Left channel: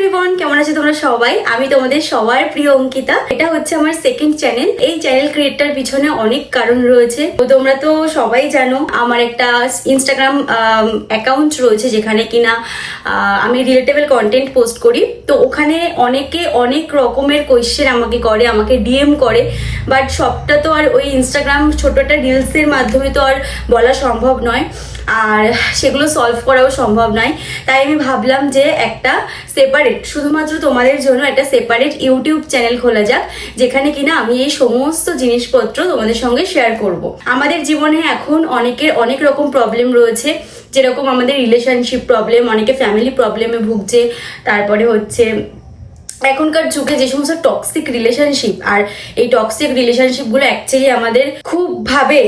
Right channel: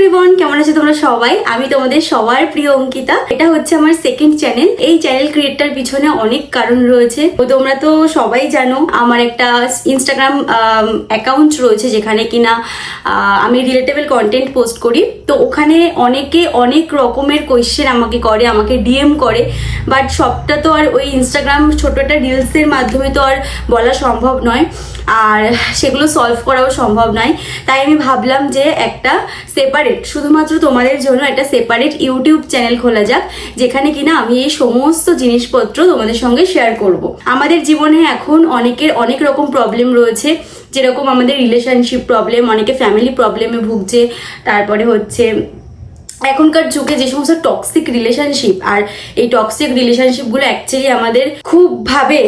Everyone, কেমন আছো তোমরা সবাই? আমি তোমাদের সবার প্রিয় অঙ্কিতা। এটা হচ্ছে আমার সেকেন্ড চ্যানেল। এই চ্যানেল ক্রিয়েটটার পিছনে অনেক কারণ রয়েছে। তো তোমরা তো সবাই জানো আমার একটা ইনস্টাগ্রাম অ্যাকাউন্ট রয়েছে যেখানে কিনা আমি রিলেটেবল কন্টেন্ট পোস্ট করি। তো ওখানে অনেকে অনেক রকমের কোয়েশ্চেন আমাকে করে, আমাকে ডিএম করে, বাট সবটা তো আর ওই ইনস্টাগ্রাম ছোট একটা রিলসের মাধ্যমে তো আর বলা সম্ভব নয়, আর সেগুলো সলভ করাও সম্ভব নয়। তাই আমি ভাবলাম যে একটা সেপারেট, শুধুমাত্র তোমাদের জন্য একটা সেপারেট ইউটিউব চ্যানেল খোলা যাক, যেখানে কিনা আমি এই সমস্ত জিনিসপত্র তোমাদের সঙ্গে শেয়ার করব। আমাদের জীবনে এখন অনেকের অনেক রকম প্রবলেম রয়েছে, যেরকম আমাদের রিলেশনশিপ প্রবলেম, অনেকে ফ্যামিলি প্রবলেমে ভুগছে, তারপরে হচ্ছে এখনকার যুগে যে সমস্ত টক্সিক রিলেশনশিপ, আর এই টক্সিক রিলেশনশিপগুলো অ্যাকচুয়ালি আমাদের খুব ভাবে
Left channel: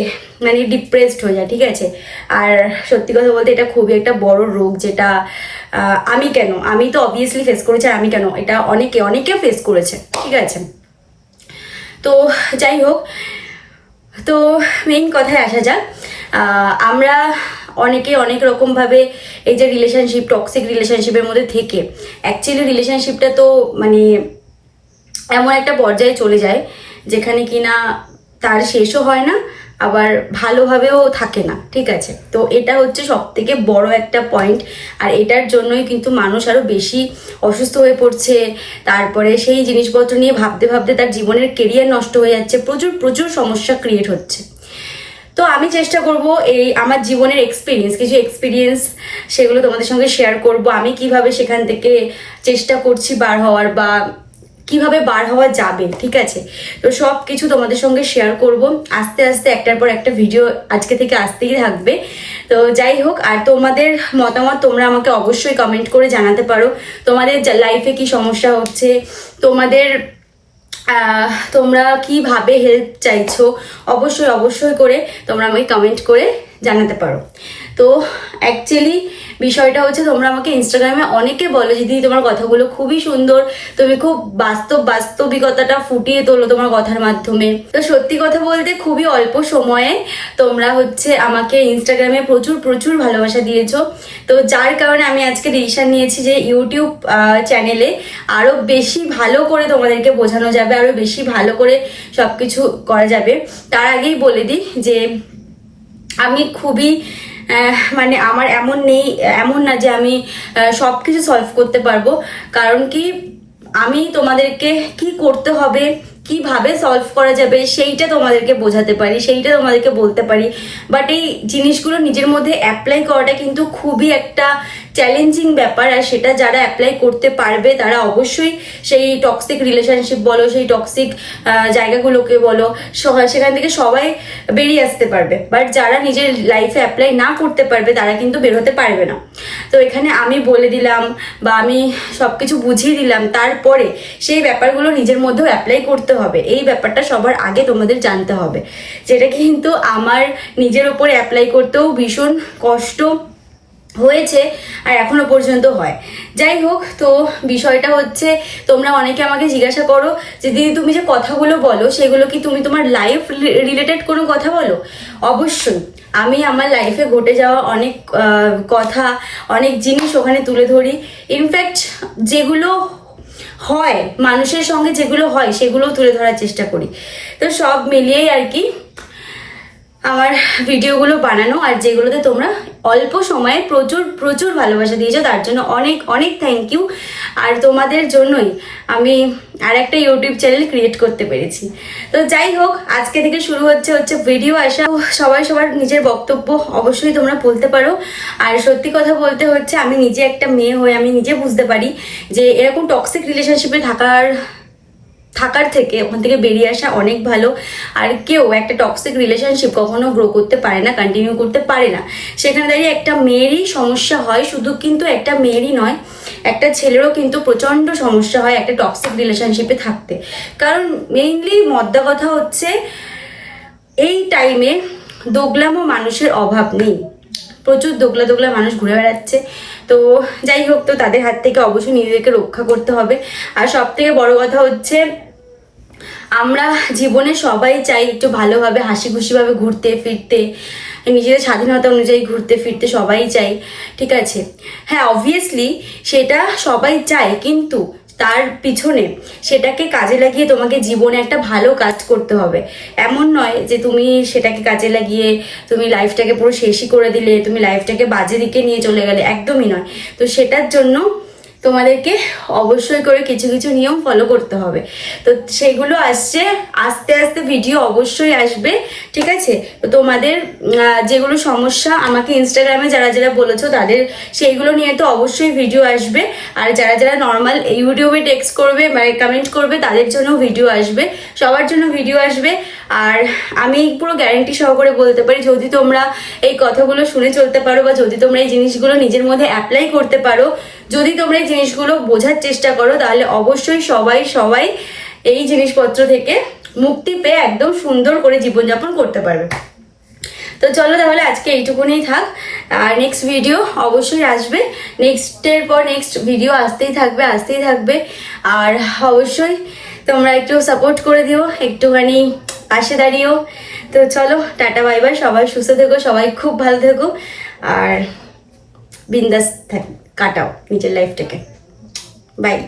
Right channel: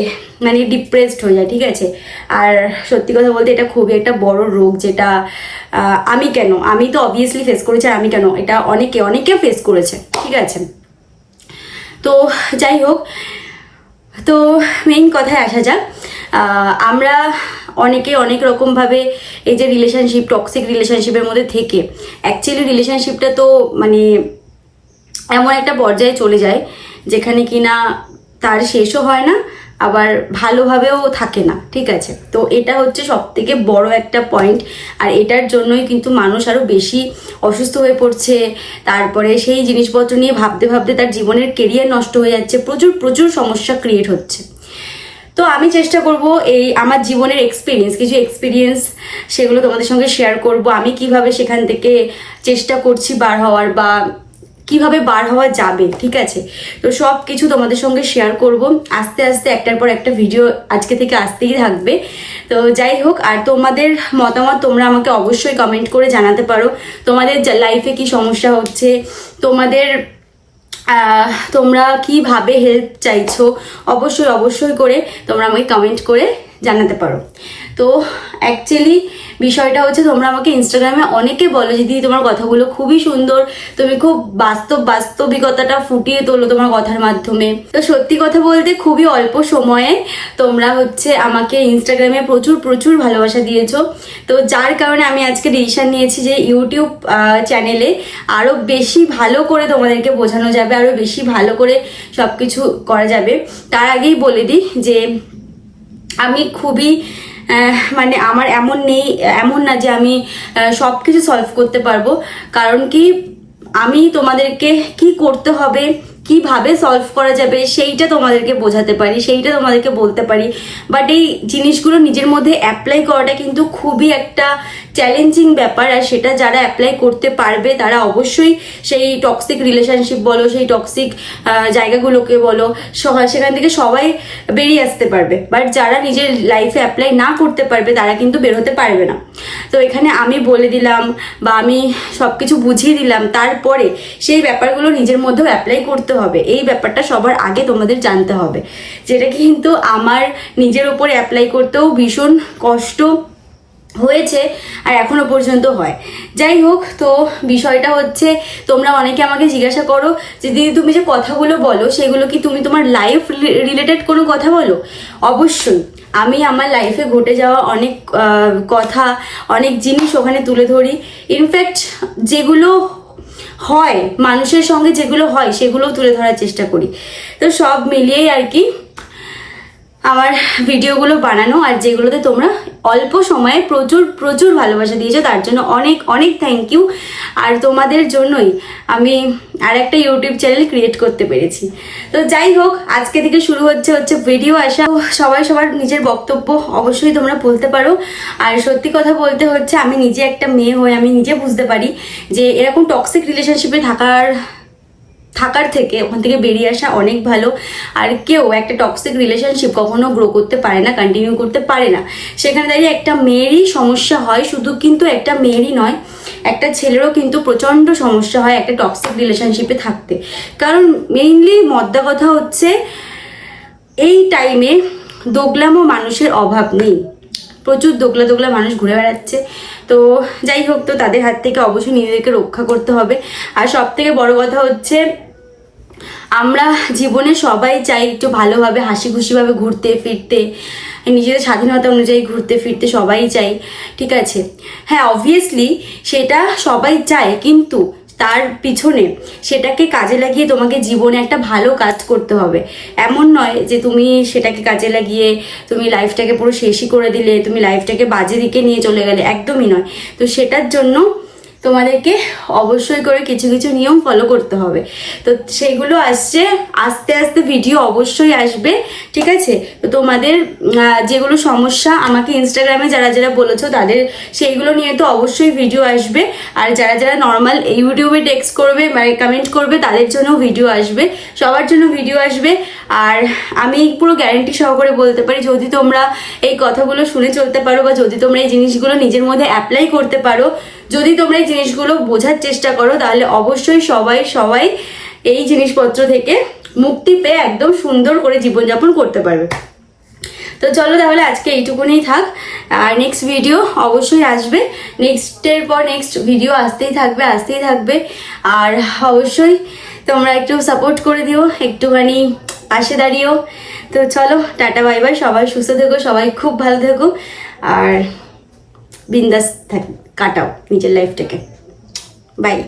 মানে ডিপ্রেসড হয়ে যায়, ঠিক আছে? আর সত্যি কথা বলতে এটা খুবই একটা বড় রোগ, যেটা আমি তো অবভিয়াসলি ফেস করেছি, আর আমি কেন, এটা অনেকে ফেস করেছে, ঠিক আছে? তো যাই হোক, তো মেইন কথায় আসা যাক। আমরা অনেকে অনেক রকমভাবে এই যে রিলেশনশিপ, টক্সিক রিলেশনশিপের মধ্যে থেকে অ্যাকচুয়ালি রিলেশনশিপটা তো মানে এমন একটা পর্যায়ে চলে যায় যেখানে কিনা তার শেষও হয় না, আবার ভালোভাবেও থাকে না, ঠিক আছে? তো এটা হচ্ছে সব থেকে বড় একটা পয়েন্ট, আর এটার জন্যই কিন্তু মানুষ আরো বেশি অসুস্থ হয়ে পড়ছে। তারপরে সেই জিনিসপত্র নিয়ে ভাবতে ভাবতে তার জীবনের কেরিয়ার নষ্ট হয়ে যাচ্ছে, প্রচুর প্রচুর সমস্যা ক্রিয়েট হচ্ছে। তো আমি চেষ্টা করব এই আমার জীবনের কিছু এক্সপিরিয়েন্স সেগুলো তোমাদের সঙ্গে শেয়ার করব। আমি কিভাবে সেখান থেকে চেষ্টা করছি বার হওয়ার, বা কিভাবে বার হওয়া যাবে, ঠিক আছে? তো সব কিছু তোমাদের সঙ্গে শেয়ার করব আস্তে আস্তে, একটার পর একটা ভিডিও আজকে থেকে আসতেই থাকবে। তো যাই হোক, আর তোমাদের মতামত তোমরা আমাকে অবশ্যই কমেন্ট করে জানাতে পারো। তোমাদের লাইফে কি সমস্যা হচ্ছে, তোমরা কিভাবে হেল্প চাইছো, অবশ্যই করে তোমরা আমাকে কমেন্ট করে জানাতে পারো। তো অ্যাকচুয়ালি বিষয়টা হচ্ছে, তোমরা আমাকে ইনস্টাগ্রামে অনেকে বলো যে দিদি তোমার কথাগুলো খুবই সুন্দর, তুমি খুব বাস্তবিকতাটা ফুটিয়ে তোলো তোমার কথার মাধ্যমে। তো সত্যি কথা বলতে খুবই অল্প সময়ে তোমরা হচ্ছে আমাকে ইনস্টাগ্রামে প্রচুর ভালোবাসা দিয়েছো। তো যার কারণে আমি আজকে ডিসিশন নিয়েছি যে ইউটিউব চ্যানেলে আরো বেশি ভালো করে তোমাদেরকে বোঝানো যাবে, আরো বেশি ভালো করে সবকিছু করা যাবে। তার আগেই বলে দিই যে আমি খুবই মানে আমার এমন না যে আমি সবকিছু সলভ করতে পারবো। কারণ কি, আমি তোমাদেরকে কি করতে হবে, কিভাবে সলভ করা যাবে সেইটা তোমাদেরকে বোঝাতে পারি, সেইটা তোমাদেরকে বলতে পারি, বাট এই জিনিসগুলো নিজের মধ্যে অ্যাপ্লাই করাটা কিন্তু খুবই একটা চ্যালেঞ্জিং ব্যাপার। আর সেটা যারা অ্যাপ্লাই করতে পারবে তারা অবশ্যই সেই টক্সিক রিলেশনশিপ বলো, সেই টক্সিক জায়গাগুলোকে বলো, সেখান থেকে সবাই বেরিয়ে আসতে পারবে। বাট যারা নিজের লাইফে অ্যাপ্লাই না করতে পারবে তারা কিন্তু বের হতে পারবে না। তো এখানে আমি বলে দিলাম বা আমি সবকিছু বুঝিয়ে দিলাম, তারপরে সেই ব্যাপারগুলো নিজের মধ্যেও অ্যাপ্লাই করতে হবে। এই ব্যাপারটা সবার আগে তোমাদের জানতে হবে, যেটা কিন্তু আমার নিজের উপর অ্যাপ্লাই করতেও ভীষণ কষ্ট হয়েছে, আর এখনো পর্যন্ত হয়। যাই হোক, তো বিষয়টা হচ্ছে, তোমরা অনেকে আমাকে জিজ্ঞাসা করো যে দিদি তুমি যে কথাগুলো বলো সেগুলো কি তুমি তোমার লাইফ রিলেটেড কোনো কথা বলো? অবশ্যই আমি আমার লাইফে ঘটে যাওয়া অনেক কথা, অনেক জিনিস ওখানে তুলে ধরি। ইনফ্যাক্ট যেগুলো হয় মানুষের সঙ্গে, যেগুলো হয় সেগুলো তুলে ধরার চেষ্টা করি। তো সব মিলিয়েই আর কি আমার ভিডিওগুলো বানানো, আর যেগুলোতে তোমরা অল্প সময়ে প্রচুর ভালোবাসা দিয়েছো, তার জন্য অনেক থ্যাংক ইউ। আর তোমাদের জন্যই আমি আর একটা ইউটিউব চ্যানেল ক্রিয়েট করতে পেরেছি। তো যাই হোক, আজকে থেকে শুরু হচ্ছে ভিডিও আসা। সবাই সবার নিজের বক্তব্য অবশ্যই তোমরা বলতে পারো। আর সত্যি কথা বলতে হচ্ছে, আমি নিজে একটা মেয়ে হয়ে আমি নিজে বুঝতে পারি যে এরকম টক্সিক রিলেশনশিপে থাকার থেকে ওখান থেকে বেরিয়ে আসা অনেক ভালো। আর কেউ একটা টক্সিক রিলেশনশিপ কখনো গ্রো করতে পারে না, কন্টিনিউ করতে পারে না। সেখানে দাঁড়িয়ে একটা মেয়েরই সমস্যা হয়, শুধু কিন্তু একটা মেয়েরই নয়, একটা ছেলেরও কিন্তু প্রচন্ড সমস্যা হয় একটা টক্সিক রিলেশনশিপে থাকতে। কারণ মেইনলি মদ্দা কথা হচ্ছে, এই টাইমে দোগলামো মানুষের অভাব নেই, প্রচুর দোগলা মানুষ ঘুরে বেড়াচ্ছে। তো যাই হোক, তো তাদের হাত থেকে অবশ্যই নিজেদেরকে রক্ষা করতে হবে। আর সব থেকে বড় কথা হচ্ছে, আমরা জীবনে সবাই চাই একটু ভালোভাবে হাসি খুশিভাবে ঘুরতে ফিরতে, নিজেদের স্বাধীনতা অনুযায়ী ঘুরতে ফিরতে সবাই চাই, ঠিক আছে। হ্যাঁ, অবভিয়াসলি সেটা সবাই চায়, কিন্তু তার পিছনে সেটাকে কাজে লাগিয়ে তোমাকে জীবনে একটা ভালো কাজ করতে হবে। এমন নয় যে তুমি সেটাকে কাজে লাগিয়ে তুমি লাইফটাকে পুরো শেষই করে দিলে, তুমি লাইফটাকে বাজে দিকে নিয়ে চলে গেলে, একদমই নয়। তো সেটার জন্য তোমাদেরকে অবশ্যই করে কিছু কিছু নিয়ম ফলো করতে হবে। তো সেগুলো আসছে, আস্তে আস্তে ভিডিও অবশ্যই আসবে, ঠিক আছে। তো তোমাদের যেগুলো সমস্যা আমাকে ইনস্টাগ্রামে যারা যারা বলেছো তাদের সেইগুলো নিয়ে তো অবশ্যই ভিডিও আসবে। আর যারা যারা নর্মাল ইউটিউবে টেক্সট করবে মানে কমেন্ট করবে তাদের জন্য ভিডিও আসবে, সবার জন্য ভিডিও আসবে। আর আমি পুরো গ্যারেন্টি সহকারে বলতে পারি, যদি তোমরা এই কথাগুলো শুনে চলতে পারো বা যদি তোমরা এই জিনিসগুলো নিজের মধ্যে অ্যাপ্লাই করতে পারো, যদি তোমরা এই জিনিসগুলো বোঝার চেষ্টা করো, তাহলে অবশ্যই সবাই এই জিনিসপত্র থেকে মুক্তি পেয়ে একদম সুন্দর করে জীবনযাপন করতে পারবে। তো চলো তাহলে আজকে এইটুকুনি থাক, আর নেক্সট ভিডিও অবশ্যই আসবে, নেক্সটের পর নেক্সট ভিডিও আসতেই থাকবে। আর অবশ্যই তোমরা একটু সাপোর্ট করে দিও, একটুখানি পাশে দাঁড়িয়েও। তো চলো, টাটা বাই বাই, সবাই সুস্থ থেকো, সবাই খুব ভালো থেকো, আর বিন্দাস কাটাও নিজের লাইফটাকে। বাই।